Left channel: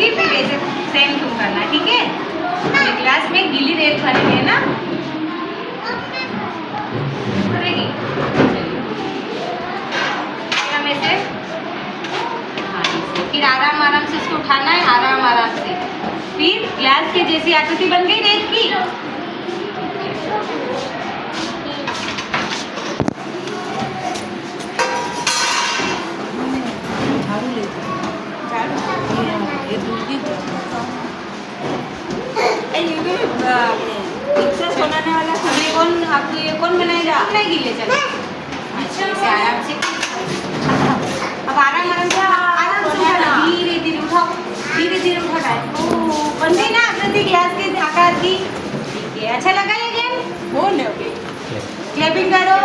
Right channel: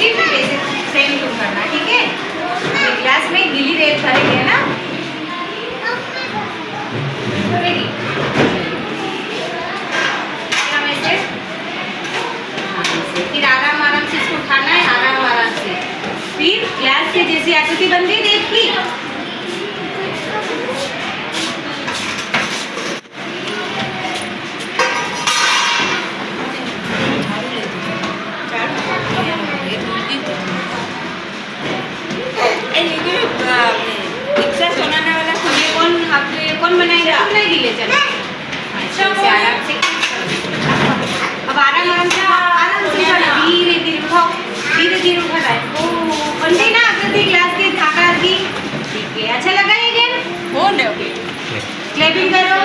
करूँगी फिर ऐसे सेम तुम करना, ठीक है? ये ग्लास में गीली रेत करेंगे ना, रेडी? हम ऐसे, हाँ ऐसे, फिर आराम आराम से इसको उठाना है, आराम आराम से। फिर ग्लास के जैसी आकृति बन गई रेत की। कौन बनाएगा? नहीं गिले चलो। अच्छा आराम से, अब आराम आराम से उठाना, धीरे धीरे उठाओ, धीरे धीरे उठा है। बन गई ना आकृति ग्लास के आकार की? ठीक है, अच्छा लगा ये गेम? क्लैपिंग करो।